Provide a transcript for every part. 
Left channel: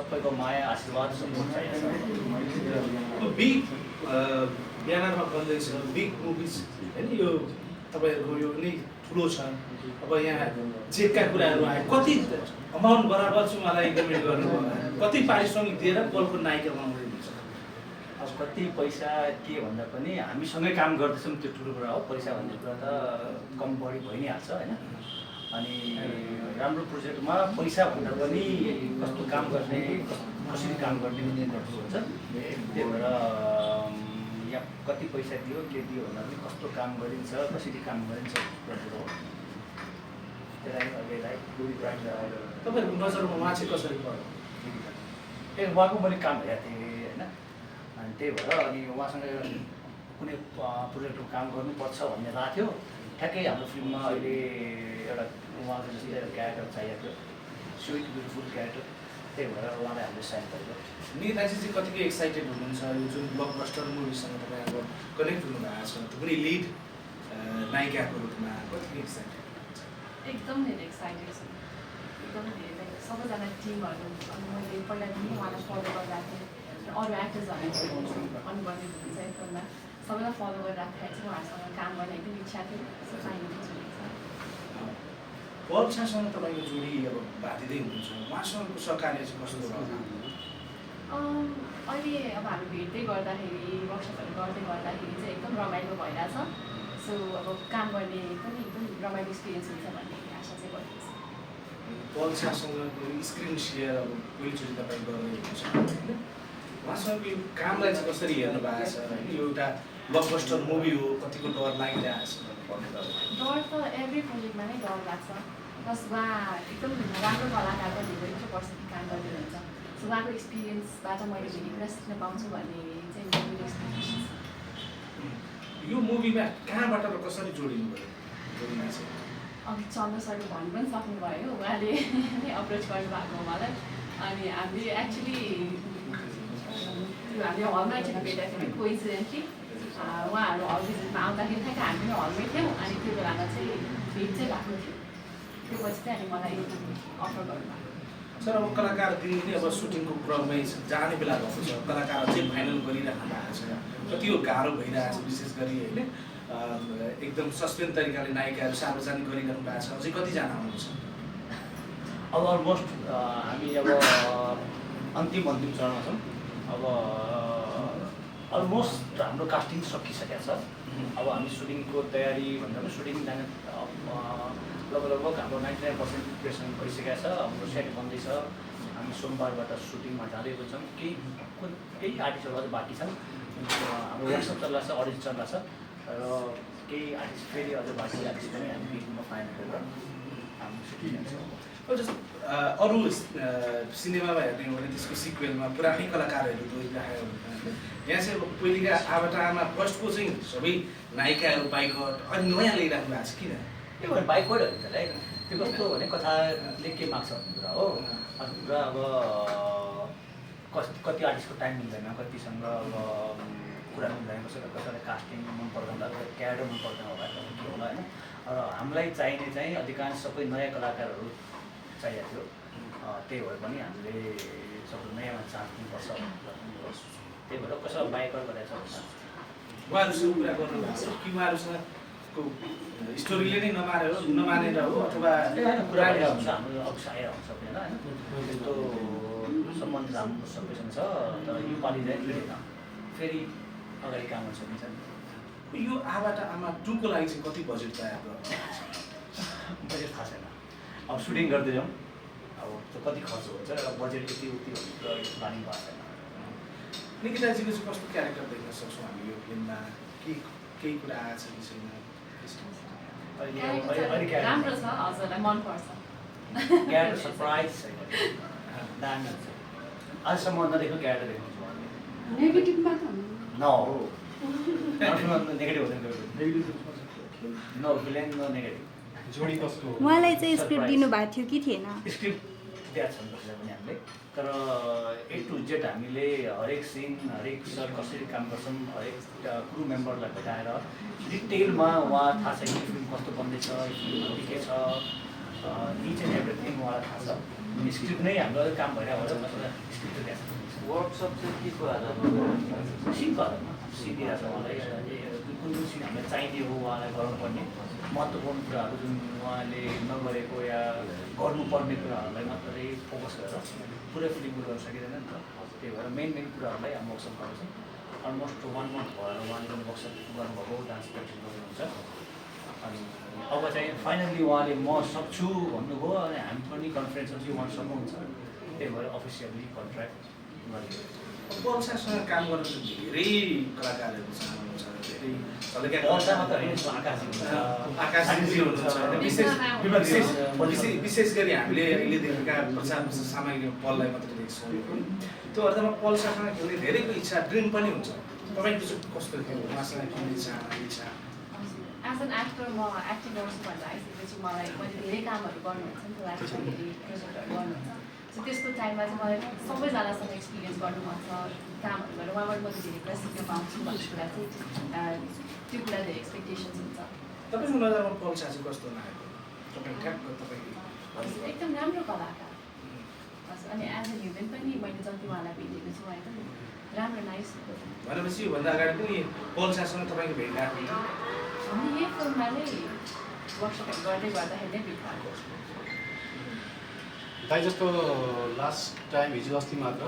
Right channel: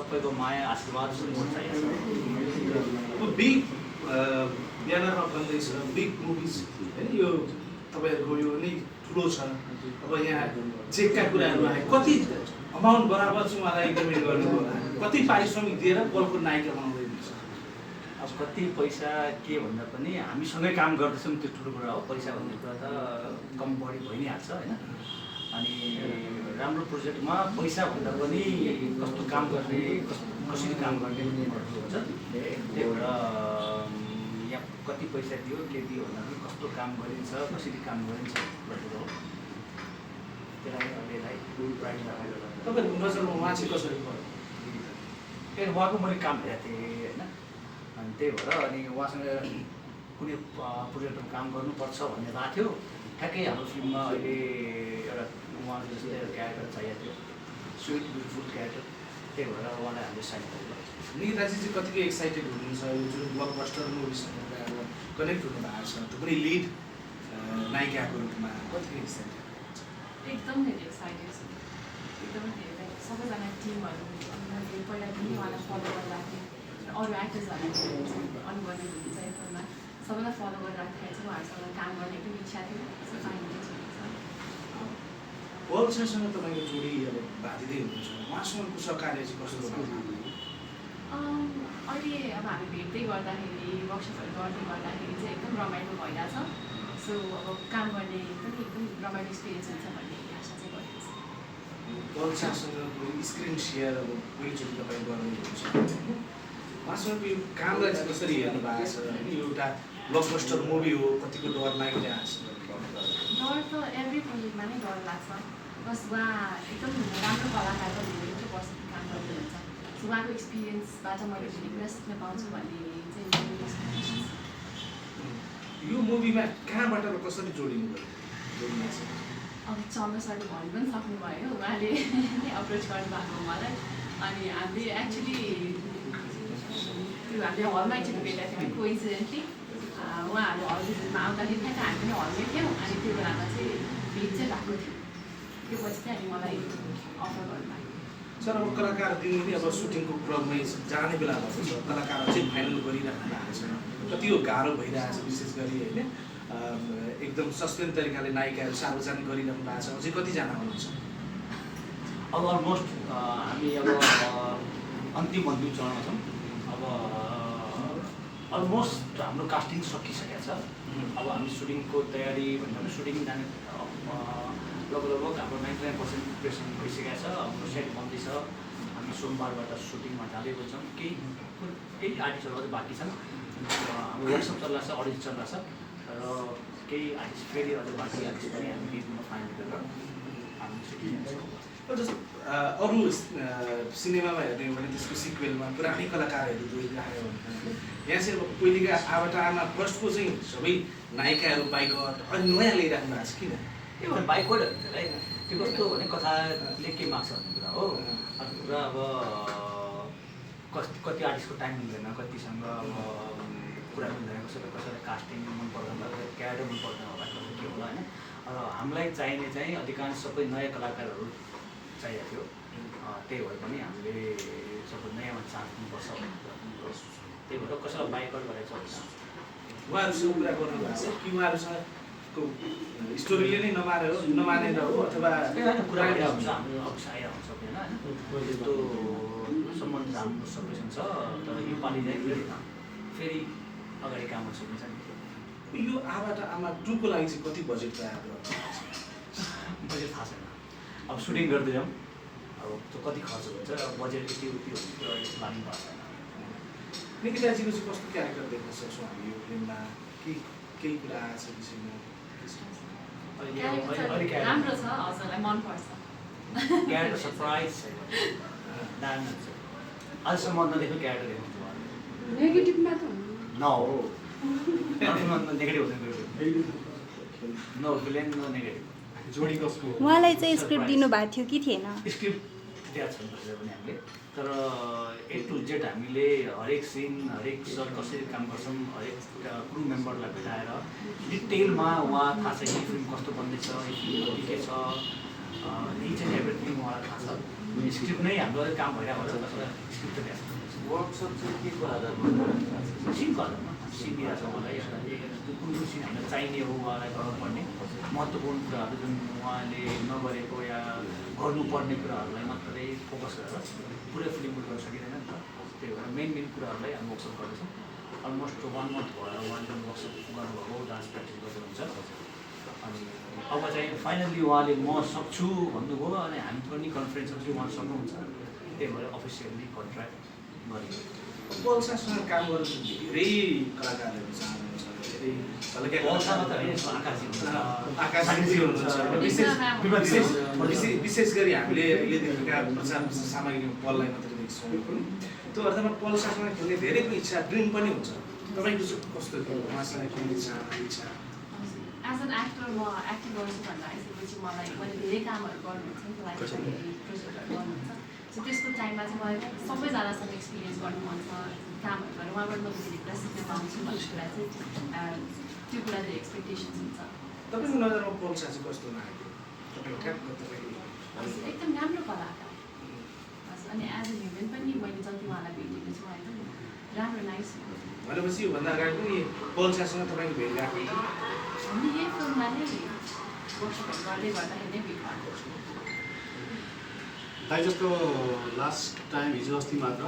सबैको माया आशीर्वाद सपोर्ट चाहिएको छ। बिग ब्यानरमा बन्दैछ बिग मुभिज होइन यो तपाईँहरूको यो नै ठुलो छ। अब यहाँ चेकका कुराहरू आए कति अमाउन्ट बराबर चाहिँ उहाँलाई पेमेन्ट गर्नु होला, कति पारिश्रमिक दिएर बलको नायिका बनाउँदैछ? अब कति पैसा के भन्दा पनि हामीसँगै काम गर्दैछौँ त्यो ठुलो कुरा हो। पैसा भन्ने कुरा त कम बढी भइ नै हाल्छ होइन। अनि राम्रो प्रोजेक्टमा पैसा भन्दा पनि कस्तो काम गर्ने, कसरी काम गर्ने भन्ने ठुलो हुन्छ। त्यही भएर यहाँ कति पैसा दियो के दियो भन्दा पनि कस्तो काम गरिन्छ, कसरी काम गरिन्छ भन्ने हो। त्यसलाई अहिलेलाई ब्रान्ड तपाईँहरूको नजरमा उहाँ चाहिँ कसरी पऱ्यो? ए उहाँको मैले काम हेरेको थिएँ होइन। अनि त्यही भएर अनि उहाँसँग कुनै प्रोजेक्टमा काम गर्नुपर्छ भन्ने भएको थियो। ठ्याक्कै हाम्रो फिल्ममा अहिले एउटा उहाँको जस्तै एउटा क्यारेक्टर चाहिएको थियो, स्विट ब्युटिफुल क्यारेक्टर। त्यही भएर उहाँलाई हामीले साइन गरेको। निकिताजी चाहिँ कतिको एक्साइटेड हुनुहुन्छ यो जुन ब्लकबस्टर मुभीसँग तपाईँ अब कनेक्ट हुनुभएको छ, कुनै लिड नायिकाको रूपमा कतिको एक्साइटेड? एकदम धेरै एक्साइटेड छु, एकदमै धेरै। सबैजना टिमहरू अनि मैले पहिलादेखि उहाँलाई फलो गर्दाखेरि अरू एक्टर्सहरूलाई अनुभवी हुनुहुन्छ एकदममा सबैलाई फलो गरिराख्दाखेरि चाहिँ उहाँहरूसँग काम गर्ने एकदम इच्छा थियो। पल्छासँग तपाईँको जोडी अब भाँदिँदै हुनुहुन्छ, उहाँसँगको सहकार्य चाहिँ कस्तो छ? अहिले अब हामी भेट्दै गर्दाखेरि वर्कसपहरू गर्दै गर्दाखेरि चाहिँ एकदम रमाइलो भइरहेछ। सो अब काम गर्ने पनि एकदम रमाइलो एक्सपिरियन्स हुन्छ भन्ने आशा चाहिँ गरेको छ। पल्छासँगको स्क्रिन सेयर अब पहिलोचोटि तपाईँ गर्नुहुन्छ, उहाँसँग यो कामलाई चाहिँ कसरी हेर्नु भएको छ? यो एउटा ब्लकबस्टर मुभी हो, कतिको डर लागिरहेको छ? डर त एभ्री प्रोजेक्टमा नै डर लाग्छ। प्लस उहाँ एकदम राम्रो कलाकारको धेरै वर्षदेखि काम गरिदिनुहुन्छ। सो उहाँको एक्सपिरियन्सबाट मैले धेरै कुरा सिक्न पाउँछु भन्ने चाहिँ मेरो एक्सपेक्टेसन छ। यो मुभीमा कहाँबाट र कसरी जोडिनु भयो? अघि चन्द्र सरले भन्नु पनि सक्नुभयो, उहाँले नै अप्रोच गर्नुभएको उहाँलाई। अनि हामीले एक्चुली त्यो हामीले हलमा एकचोटि भेटेको थियौँ कोइन्सिडेन्टली। उहाँहरू हल भिजिटमा आउँदाखेरि ठ्याक्क हामी पनि हलमै थियौँ। अनि त्यो बेलामा चाहिँ भेट चाहिँ भएको थियो। त्यो पछि चाहिँ अनि मलाई अफर गर्नुभएको। सर अब कलाकार दिनदिनै अब सुटिङको क्रममै जाने बेला भएको छ, कलाकार चाहिँ फाइनल गरिराख्नु भएको छ, कति यो गाह्रो भइरहेको छ विशेष गरी होइन। एकदम सस्पेन्स तरिकाले नायिकाहरू सार्वजनिक गरिराख्नु भएको छ, अझै कतिजना हुनुहुन्छ? अब अलमोस्ट हामी अब अन्तिम चरणमा छौँ। अब अलमोस्ट हाम्रो कास्टिङ सकिसकेको छ। अब हामी सुटिङको तयारी भन्दा पनि सुटिङ जाने लगभग हाम्रो 99% प्रिपरेसन भइसकेको छ। हाम्रो सेट बन्दैछ। हामी सोमबारबाट सुटिङमा जाँदै छौँ। केही आर्टिस्टहरू अझै बाँकी छन्। हाम्रो वर्कसप चलिरहेको छ, अडिट चलिरहेको छ र केही आर्टिस्ट फेरि अझै बाँकी आर्टिस्ट पनि हामी बिचमा फाइनल गरेर हामी सुटिङ जान्छौँ। अरू सिनेमामा हेर्ने हो भने त्यसको सिक्वेलमा पुरानै कलाकारहरू जोडिरहेको हुन्छ। यहाँ चाहिँ अब पहिलेका आवाटामा फर्स्टको चाहिँ सबै नायिकाहरू बाइकट अनि नयाँ ल्याइराख्नु भएको छ, किन? यो भने बाइकवाइट हुन्छ लाइक त्यो कस्तो भने कथाले के माग्छ भन्ने कुरा हो। अर्को कुरा अब कति आर्टिस्टको टाइम मिल्दैन, कतिसँग अब कुरा मिल्दैन, कसैलाई कास्टिङ मन पर्दैन होला, क्यारेक्टर मन पर्दैन होला, कसै के होला होइन। र हामीलाई चाहिने चाहिँ अधिकांश सबै नयाँ कलाकारहरू चाहिएको थियो। त्यही भएर पनि हामीले सबै नयाँमा चान्स दिनुपर्छ। त्यही भएर कसैलाई बाइकआउट गरेको छ उहाँहरूसँग कुरा गर्नुभएको छ कि उहाँहरूसँगको स्टोरीले नै नमानेर हो अथवा कुरा भइरहेको हुन्छ। हाम्रो अफिस आइरहेको हुन्छ सबैजना होइन। त्यस्तो सम्बन्ध राम्रो सबैसँग छ। तर यो पालि चाहिँ मिलेन, फेरि अगाडि काम गर्न सकिन्छ नि। यो आमा 2 को लागि चाहिँ कति बजेट तयार गर्नु? बजेट थाहा छैन। अब सुटिङ गर्दै जाउँ, अब त्यो कति खर्च हुन्छ, बजेट यति उति भन्ने कुरा प्लानिङ भएको छैन। निकिताजीको चाहिँ कस्तो क्यारेक्टर देख्न सक्छौँ हामी यो फिल्ममा? केही कुरा आएको छ कि छैन? राम्रो छ, हजुरलाई मनपर्छ? क्यारेक्टर सरप्राइज छैन, दामी हुन्छ। अझसम्म नदेख्नु क्यारेक्टर देख्नुहुन्छ उहाँले। नेगेटिभमा त नो नेगेटिभ हुँदैन, नो भिलेन नो नेगेटिभ। उहाँलाई चाहिँ स्क्रिप्ट दिनुभएको थियो कि थिएन? स्क्रिप्ट दिएको छैन कसैले पनि हामीले। तर A to Z हामीले हरेक सिन, हरेक सर कसरी काम गर्छौँ, हरेक क्रु मेम्बरलाई भेटाएर डिटेलमा उहाँ थाहा छ कि फिल्म कस्तो बन्दैछ, फिल्म के छ, इच एन्ड एभ्रिथिङ उहाँलाई थाहा छ। स्क्रिप्ट नै हाम्रो अलिक काम भइरहेको होला, वर्कसप चाहिँ के को आधारमा सिनको आधारमा सिन दिएको छ उहाँलाई कुन कुन सिन हामीलाई चाहिने हो उहाँलाई गर्नुपर्ने महत्त्वपूर्ण कुराहरू जुन उहाँले नगरेको या गर्नुपर्ने कुराहरूलाई मात्रै फोकस गरेर पुरै फिल्मको गर्न सकिँदैन नि त। त्यही भएर मेन कुराहरूलाई हामी वर्कसप गर्दैछौँ। अलमोस्ट 1 मन्थ भयो उहाँले वर्कसप गर्नुभएको, डान्स प्र्याक्टिस गर्दै हुन्छ। अनि अब चाहिँ फाइनल्ली उहाँले म सक्छु भन्नुभयो अनि हामी पनि कन्फिडेन्स चाहिँ उहाँ सक्नुहुन्छ। त्यही भएर अफिसियल्ली कन्ट्र्याक्ट गरियो। पल्सासँग काम गर्न धेरै कलाकारहरू चाहनुहुन्छ, धेरै पल्सामा त होइन, आकाशी हुन्छ, आकाशी हुन्छ। विशेष गरी हामीले अहिले देखेका प्रचार सामग्री पललाई मात्रै देख्छौँ। त्यो अर्थमा पल्सासँग खेल्ने धेरैको इच्छा, ड्रिम पनि हुन्छ। तपाईँको चाहिँ कस्तो थियो उहाँसँग खेल्ने इच्छा? एज एन एक्टर म एक्टिङ गर्छु भनेर आइसकेपछि मैले धेरै कामहरू गर्नुहुन्छ नि त, प्रोजेक्टहरू गर्नुहुन्छ। सो त्यसको टाइममा चाहिँ मलाई सबैजनासँग एक्सपिरियन्स गर्नु मन छ, कामहरू गरेर उहाँबाट म धेरै कुरा सिक्न पाउँछु भन्ने कुरा चाहिँ त्यो कुरा धेरै एक्सपेक्टेसन्स हुन्छ। तपाईँको नजरमा पल्सा चाहिँ कस्तो लाग्यो? तपाईँ एकदम राम्रो कलाकार। अनि एज अ ह्युमन पनि मैले जति उहाँलाई भेटेको छु एकदम राम्रो नाइस। भनेपछि योभन्दा अगाडि पनि पल्सासँग तपाईँको भेट गएको थियो? हामी यही फिल्ममा नै वर्कसपहरू गर्दै गर्दाखेरि नै भेट भएको। दाइ जस्तो लास्ट टाइम हिजो अस्ति मात्र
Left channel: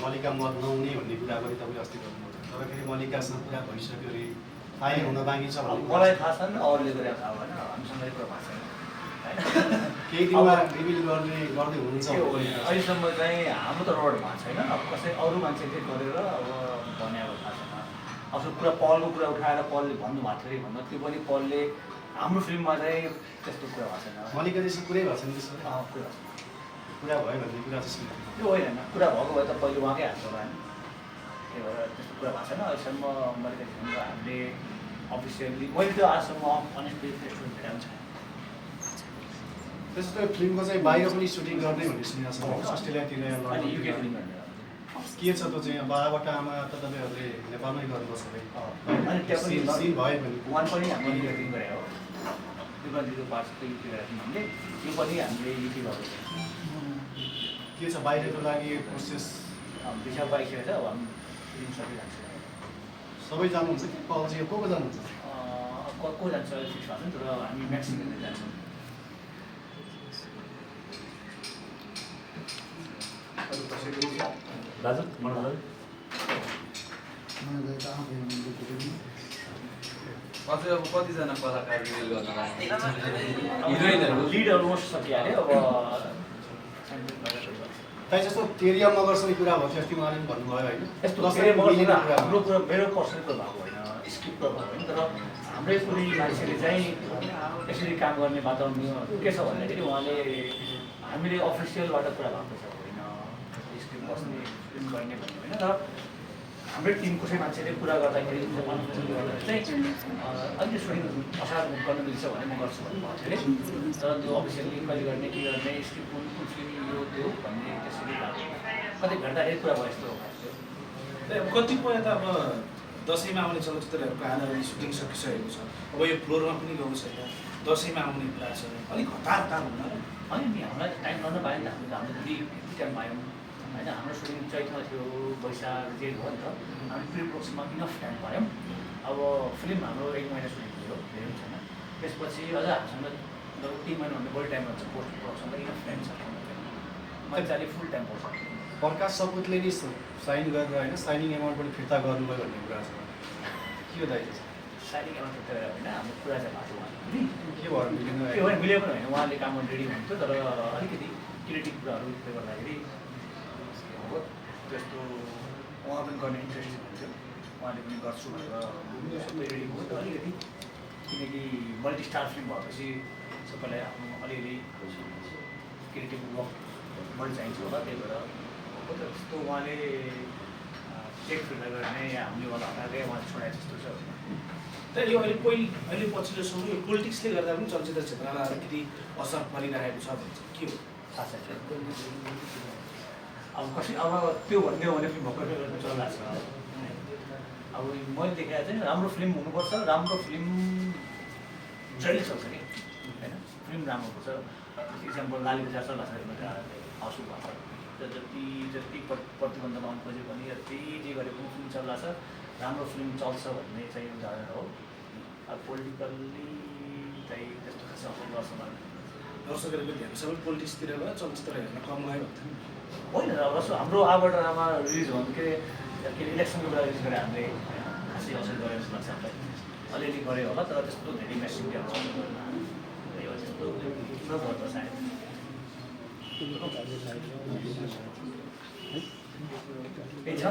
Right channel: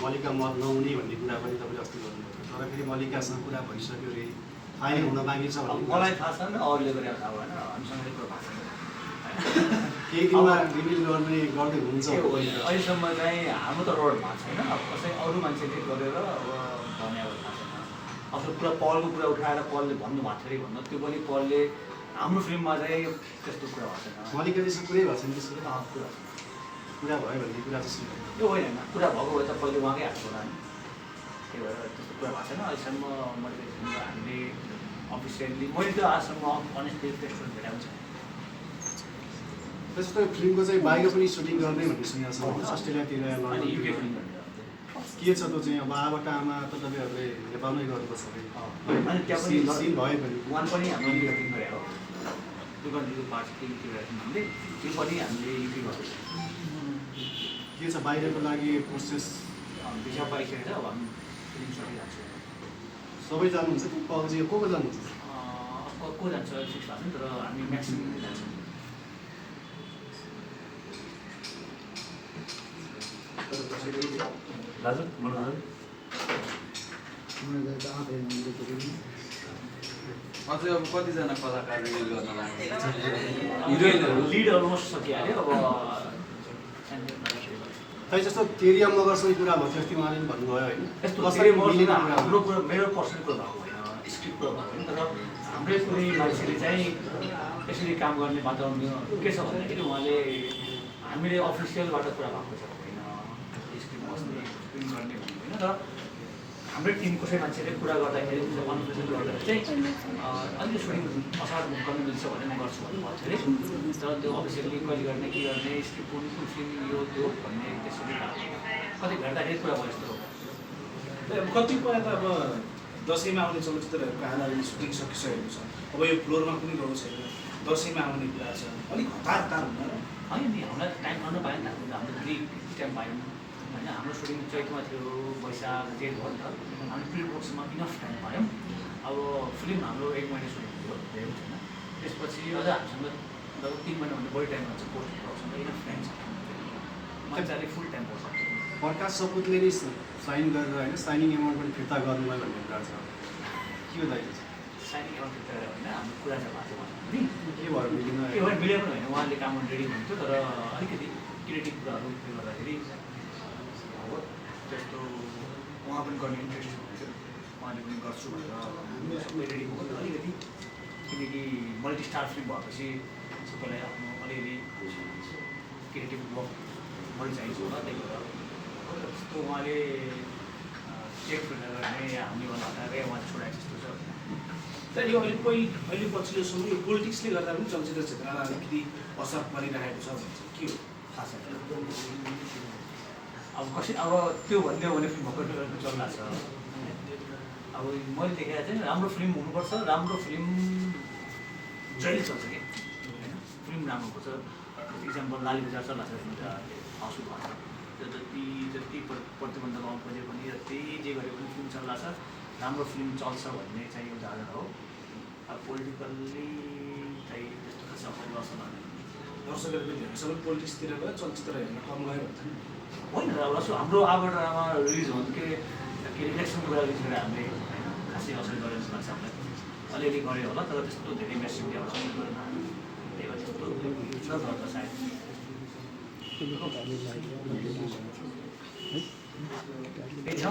मल्लिका मत नहुने भन्ने कुरा पनि तपाईँले अस्ति गर्नुभयो, तर फेरि मल्लिकासँग कुरा भइसक्यो अरे फाइनल हुन बाँकी छ अब मलाई थाहा छैन, अरूले गरेर थाहा भएन, हामीसँग कुरा भएको छैन होइन। केही दिनमा रिभिल गर्दै हुनुहुन्छ अहिलेसम्म चाहिँ हाम्रो तर्फबाट भएको छैन। अब कसै अरू मान्छेले गरेर अब भनेको थाहा छैन। अब कुरा पलको कुरा उठाएर पलले भन्नुभएको थियो अरे भन्नु, त्यो पनि पलले हाम्रो फिल्ममा चाहिँ त्यस्तो कुरा भएको छैन। मल्लिका जस्तो कुरै भएको छैन त्यसो कुरा कुरा भयो भन्ने कुरा जस्तो त्यो होइन, कुरा भएको भए त पहिले उहाँकै हात होला नि। त्यही भएर त्यस्तो कुरा भएको छैन अहिलेसम्म। मैले हामीले अफिसियल्ली मैले त्यो आजसम्म अनेस्टली त्यस्तो भेटाएको छैन। त्यसो त फिल्मको चाहिँ बाहिर पनि सुटिङ गर्दै भन्ने सुनेको छ, अस्ट्रेलियातिर अनि युके फिल्म के छ त्यो चाहिँ बाबाबाट आमा त तपाईँहरूले नेपालमै गर्नुपर्छ अरे अनि त्यहाँ पनि सिन भयो भने वान पनि हामीले युके फिल्म गरे हो। दुर्गादीको पार्ट्स युके गरेको थियौँ हामीले, त्यो पनि हामीले युके गरेको थियौँ। के छ बाहिरको लागि प्रोसेस भिसा पाइसकेको छ। अब हामी फिल्म सकिरहेको छ। सबै जानुहुन्छ त्यो पल्जी को जानुहुन्छ? को जान्छ फिक्स भएको छ नि, तर हामी म्याक्सिमम् जान्छौँ। दाजु अझै अब कतिजना कलाकार रिलिज गर्न लाग्ने हिरोइनहरू लिड अलमोस्ट सकिहाल्यो। अब त्यही जस्तो तेरिया मगरसँग कुरा भएको थियो अस्ति उहाँले पनि भन्नुभयो होइन, यस्तो धेरै वर्षमा हाम्रो कुरा मेरो पर्सनल कुरा भएको होइन, स्क्रिप्ट कुरा भएको होइन। तर हाम्रै कुनै मान्छेले चाहिँ यसरी काम गर्ने वातावरण के छ भन्दाखेरि उहाँले हामीले अफिसियलबाट कुरा भएको छ होइन, स्क्रिप्ट बस्ने फिल्म गर्ने भन्ने होइन। तर हाम्रै टिम कसै मान्छेले कुरा गर्दाखेरि अनअफिसियल गर्दाखेरि चाहिँ अलिकति सुटिङ असार गर्न मिल्छ भने म गर्छु भन्नुभएको थियो अरे। तर त्यो अफिसियल्ली कहिले गर्ने के गर्ने स्क्रिप्ट कुन कुन फिल्म यो त्यो भन्ने त्यसरी कतै भेट्दाखेरि कुरा भयो यस्तो। अब कतिपय त अब दसैँमा आउने चलचित्रहरूको आधारमा सुटिङ सकिसकेको छ, अब यो फ्लोरमा पनि गएको छैन, दसैँमा आउने कुरा छ, अलिक हतार हुन्न र? होइन नि, हामीलाई टाइम गर्न पाएन नि त। हामीले फ्री टाइम पायौँ होइन। हाम्रो सुटिङ चैतमा थियो, वैशाख जेठ भयो नि त। हामी प्रि प्रोडक्सनमा इनफ टाइम पायौँ। अब फिल्म हाम्रो 1 महिना सुटिङ थियो, धेरै छैन। त्यसपछि अझ हामीसँग लगभग 3 महिनाभन्दा बढी टाइम हुन्छ पोस्ट प्रोडक्सनमा, इनफ टाइम छ। मजाले फुल टाइम पर्छ। प्रकाश सपुतले नि साइन गरेर होइन साइनिङ एमाउन्ट पनि फिर्ता गर्नुभयो भन्ने कुरा छ, के दाइ? साइनिङ एमाउन्ट फिर्ता गरेर होइन, हाम्रो कुरा चाहिँ भएको थियो उहाँले पनि। के भयो मिलेन? त्यो भएर मिल्यो पनि होइन, उहाँले काम गर्न रेडी हुनुहुन्थ्यो। तर अलिकति क्रिएटिभ कुराहरू उयो गर्दाखेरि हो त्यस्तो उहाँ पनि गर्ने इन्ट्रेस्ट हुन्थ्यो। उहाँले पनि गर्छु भनेर सबै रेडी भयो। तर अलिकति किनकि मल्टिस्टार फिल्म भएपछि सबैलाई आफ्नो अलिअलि क्रिएटिभ वर्क बढी चाहिन्छ होला। त्यही भएर त्यस्तो उहाँले चेक फिर्ता गर्ने या हामीबाट हटाएर उहाँले छोडाएको जस्तो छ। तर यो अहिले पछिल्लो समय यो पोलिटिक्सले गर्दा पनि चलचित्र क्षेत्रलाई अलिकति असर परिरहेको छ भन्छ, के हो? खास अब कसै अब त्यो भन्दै हो भने फिल्म भर्खर चलिरहेको छ। अब मैले देखाएको चाहिँ राम्रो फिल्म हुनुपर्छ, राम्रो फिल्म जहिले चल्छ कि होइन, फिल्म राम्रो पर्छ। इक्जाम्पल लाली बजार चलिरहेको छ, हाउसफुल भएको छ। जति प्रतिबन्ध लगाउनु खोज्यो भने त्यही जे गरे पनि फिल्म चल्ला छ, राम्रो फिल्म चल्छ भन्ने चाहिँ एउटा आधार हो। अब पोलिटिकल्ली चाहिँ त्यस्तो खास अफोर्ड गर्छ लाग्दैन। दर्शकहरू पनि हेर्नु सबै पोलिटिक्सतिर गयो, चलचित्र हेर्न कम गयो भन्छ नि। होइन जस्तो हाम्रो अब ड्रामा रिलिज भन्नु के अरे इलेक्सनको कुरा रिलिज गरेर हामीले होइन खासै असर गरेर जस्तो लाग्छ हामीलाई। अलिअलि गऱ्यो होला तर त्यस्तो धेरै म्यास मिडियाबाट असर गरेन। त्यही भएर त्यस्तो नगर्छ सायद। त्यही छ।